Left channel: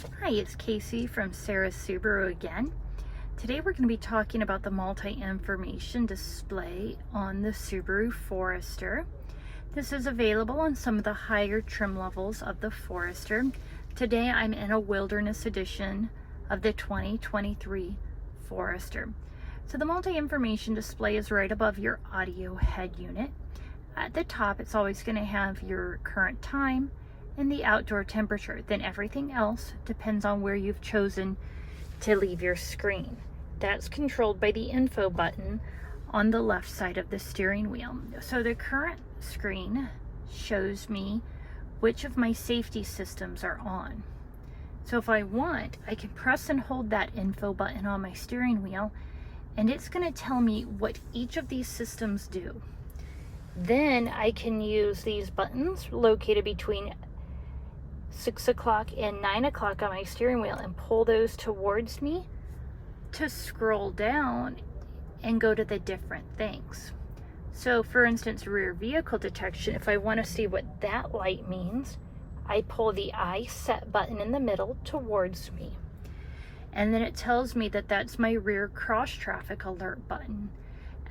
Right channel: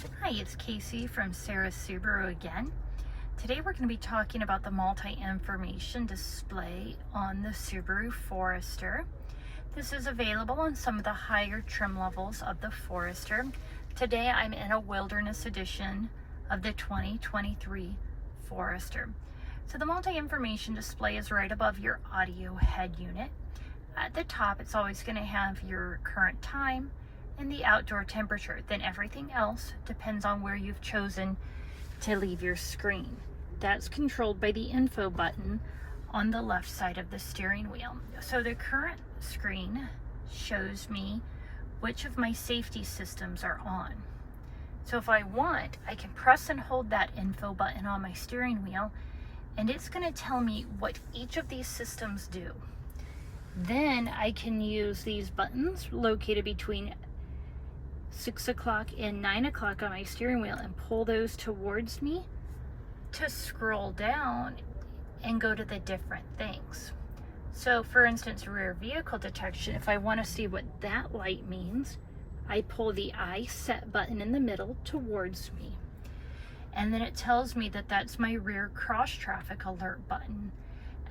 Hi, it's Casey from Sarah's Subaru again. Today we're going to be talking about the multi-information display on the Subaru Forester. This is available on some of the higher trim levels of the Forester. Today I'm in a Wilderness edition of the 2023 Forester. So the multi-information display is right above your audio head unit. At the top it's always going to have your current time and the outdoor temperature. Then everything else depends on where you've chosen to leave your screen. That's controlled by the info button on the left side of the steering wheel. So the current screen shows me which of my safety systems are on. So if I want, I can press and hold that info button on my steering wheel, and it's going to tell me what each of these systems do. Then I can use these buttons located between 6 o'clock and 9 o'clock on my steering wheel and pull those towards me to scroll down and go to the different things. So for instance, rear vehicle detection, if I want to see what that light means, I pull the I set button in the middle towards me. And then it tells me that that's my rear cross traffic alert button,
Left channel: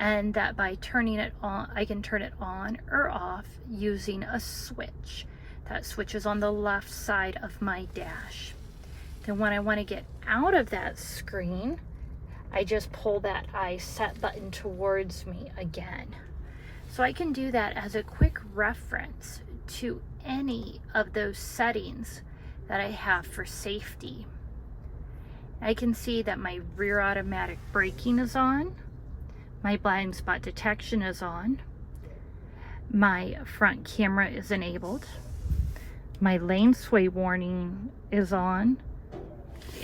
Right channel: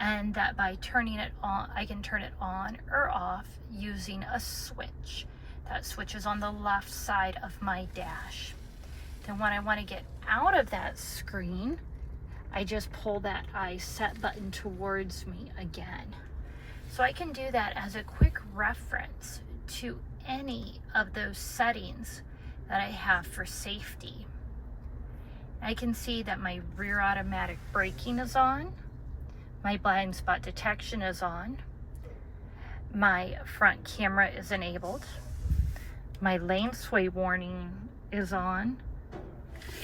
and that by turning it on, I can turn it on or off using a switch. That switch is on the left side of my dash. Then when I want to get out of that screen, I just pull that I set button towards me again. So I can do that as a quick reference to any of those settings that I have for safety. I can see that my rear automatic braking is on, my blind spot detection is on, my front camera is enabled, my lane sway warning is on,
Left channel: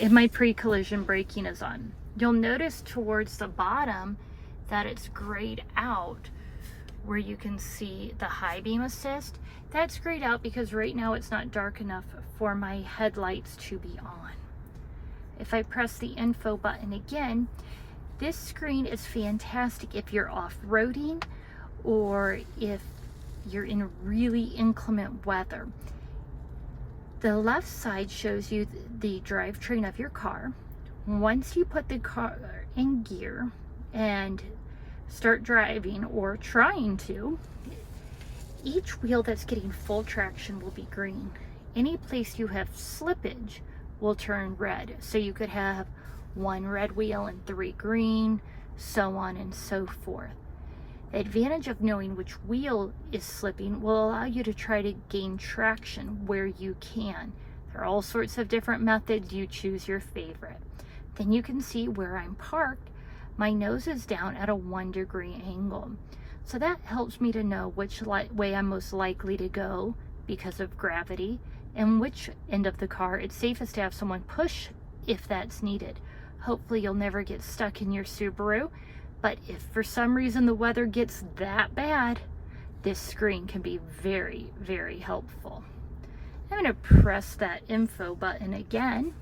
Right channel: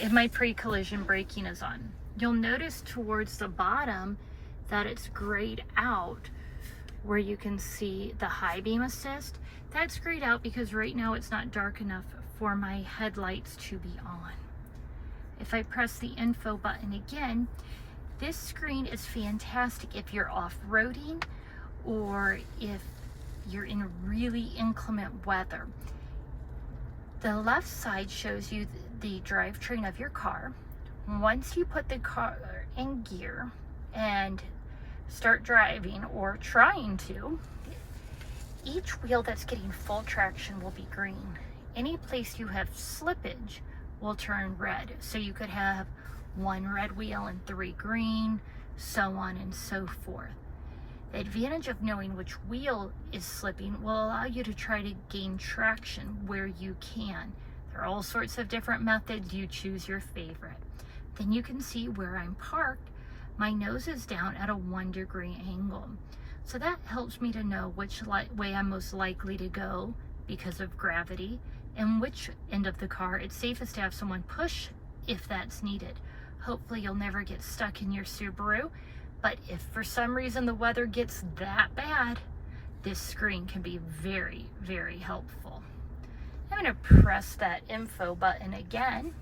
and my pre-collision braking is on. You'll notice towards the bottom that it's grayed out where you can see the high beam assist. That's grayed out because right now it's not dark enough for my headlights to be on. If I press the info button again, this screen is fantastic if you're off-roading or if you're in really inclement weather. The left side shows you the drivetrain of your car. Once you put the car in gear and start driving or trying to, each wheel that's getting full traction will be green. Any place you have slippage will turn red. So you could have 1 red wheel and 3 green, so on and so forth. The advantage of knowing which wheel is slipping will allow you to try to gain traction where you can. There are all sorts of different methods. You choose your favorite. Then you can see where I'm parked. My nose is down at a 1-degree angle. So that helps me to know which way I'm most likely to go because of gravity, and which end of the car it's safest to have someone push if that's needed. Hopefully you'll never get stuck in your Subaru, but if for some reason the weather gets that bad, this screen can be very, very helpful. I'm going to press that info button again,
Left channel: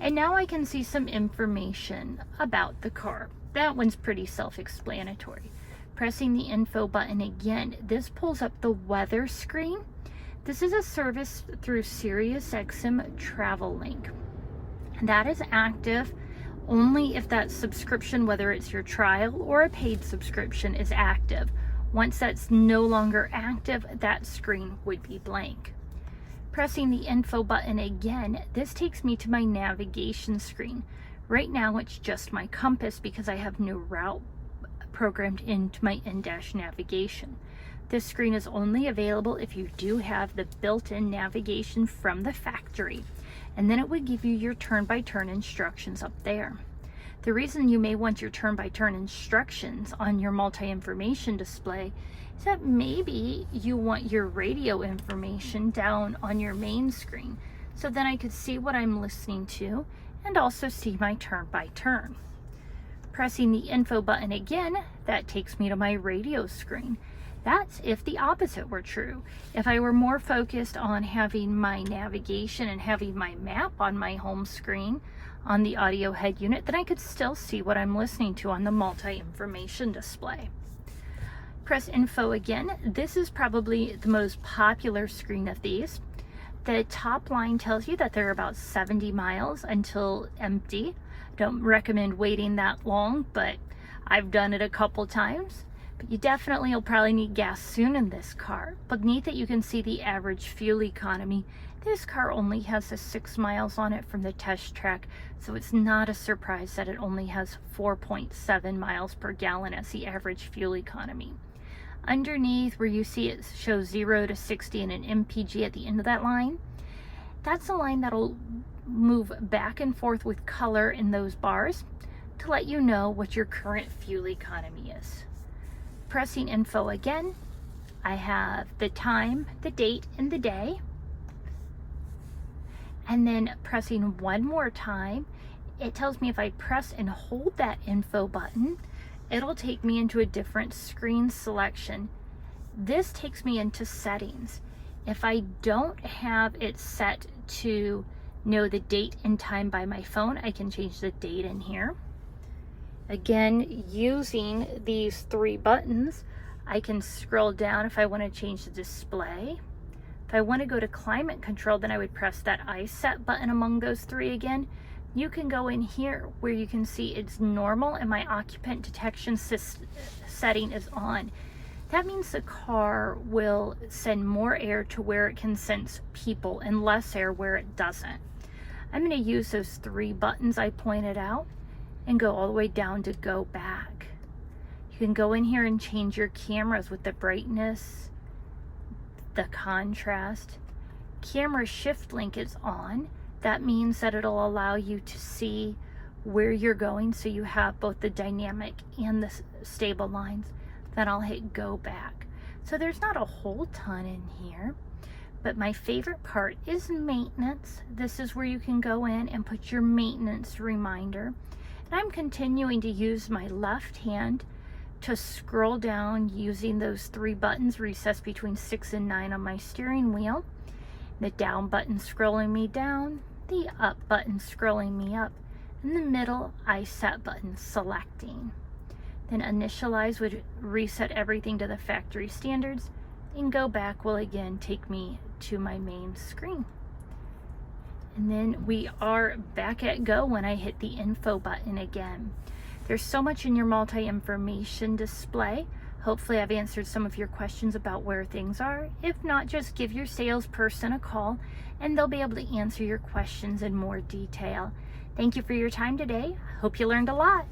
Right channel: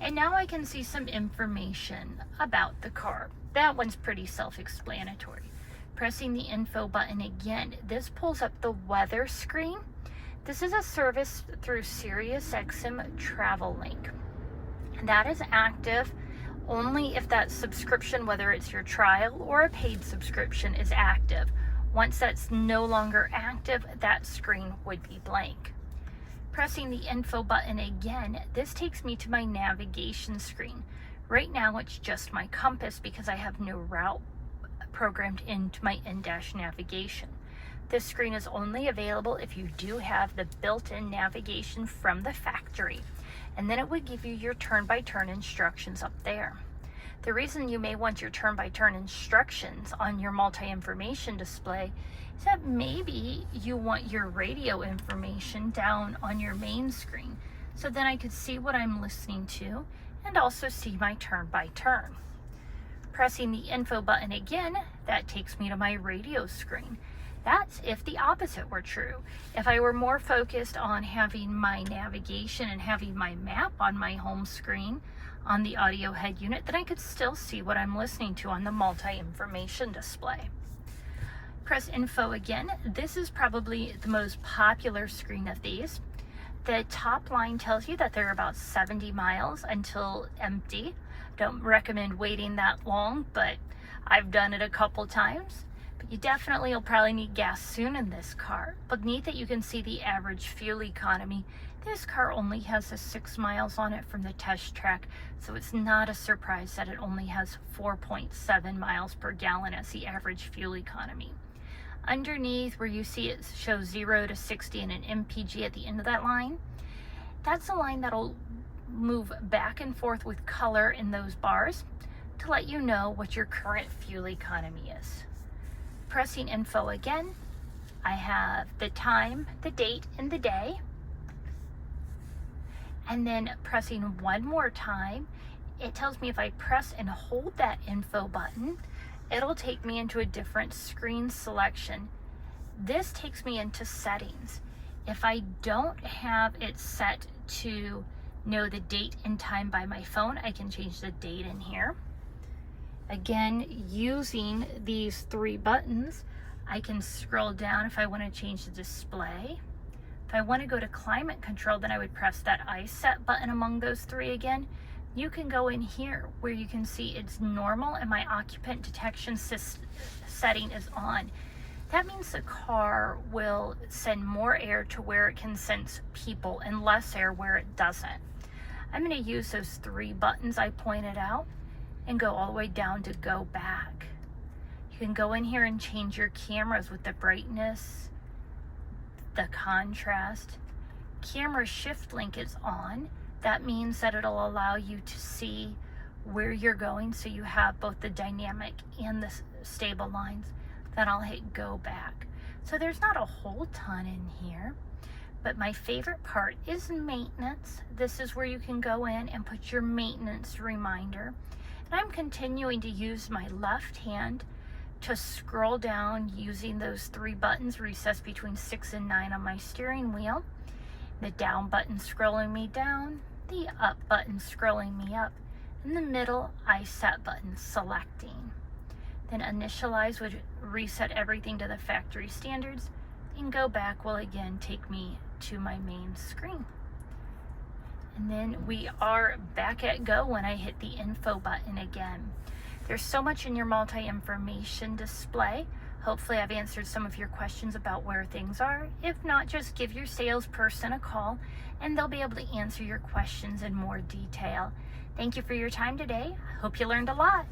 and now I can see some information about the car. That one's pretty self-explanatory. Pressing the info button again, this pulls up the weather screen. This is a service through SiriusXM Travel Link. That is active only if that subscription, whether it's your trial or a paid subscription, is active. Once that's no longer active, that screen would be blank. Pressing the info button again, this takes me to my navigation screen. Right now it's just my compass because I have no route programmed into my in-dash navigation. This screen is only available if you do have the built-in navigation from the factory, and then it would give you your turn-by-turn instructions up there. The reason you may want your turn-by-turn instructions on your multi-information display is that maybe you want your radio information down on your main screen, so then I could see what I'm listening to and also see my turn-by-turn. Pressing the info button again, that takes me to my radio screen. That's if the opposite were true. If I were more focused on having my navigation and having my map on my home screen on the audio head unit, then I could still see what I'm listening to on the multi-information display. Press info again. This is probably the most popular screen of these. The top line tells you that they're about 70 miles until empty. Don't recommend waiting that long, but I've done it a couple times. But you definitely will probably need gas soon in this car. Beneath it you can see the average fuel economy. This car only has 6 miles on it from the test track, so it's not a surprise that it only has 4.7 miles per gallon as the average fuel economy. Underneath where you see it shows 0 to 60 and an MPG at the end of that line, that's a line that'll move back and forth with color in those bars to let you know what your current fuel economy is. Pressing info again, I have the time, the date, and the day. And then pressing one more time, it tells me if I press and hold that info button, it'll take me into a different screen selection. This takes me into settings. If I don't have it set to know the date and time by my phone, I can change the date in here. Again, using these 3 buttons, I can scroll down if I want to change the display. If I want to go to climate control, then I would press that I set button among those 3 again. You can go in here where you can see it's normal and my occupant detection setting is on. That means the car will send more air to where it can sense people and less air where it doesn't. I'm going to use those 3 buttons I pointed out and go all the way down to go back. You can go in here and change your cameras with the brightness, the contrast. Camera shift link is on. That means that it'll allow you to see where you're going, so you have both the dynamic and the stable lines. Then I'll hit go back. So there's not a whole ton in here, but my favorite part is maintenance. This is where you can go in and put your maintenance reminder. And I'm continuing to use my left hand to scroll down using those 3 buttons recessed between 6 and 9 on my steering wheel. The down button scrolling me down, the up button scrolling me up, and the middle I set button selecting. Then initialize would reset everything to the factory standards, and go back will again take me to my main screen. And then we are back at go when I hit the info button again. There's so much in your multi-information display. Hopefully I've answered some of your questions about where things are. If not, just give your salesperson a call and they'll be able to answer your questions in more detail. Thank you for your time today. I hope you learned a lot.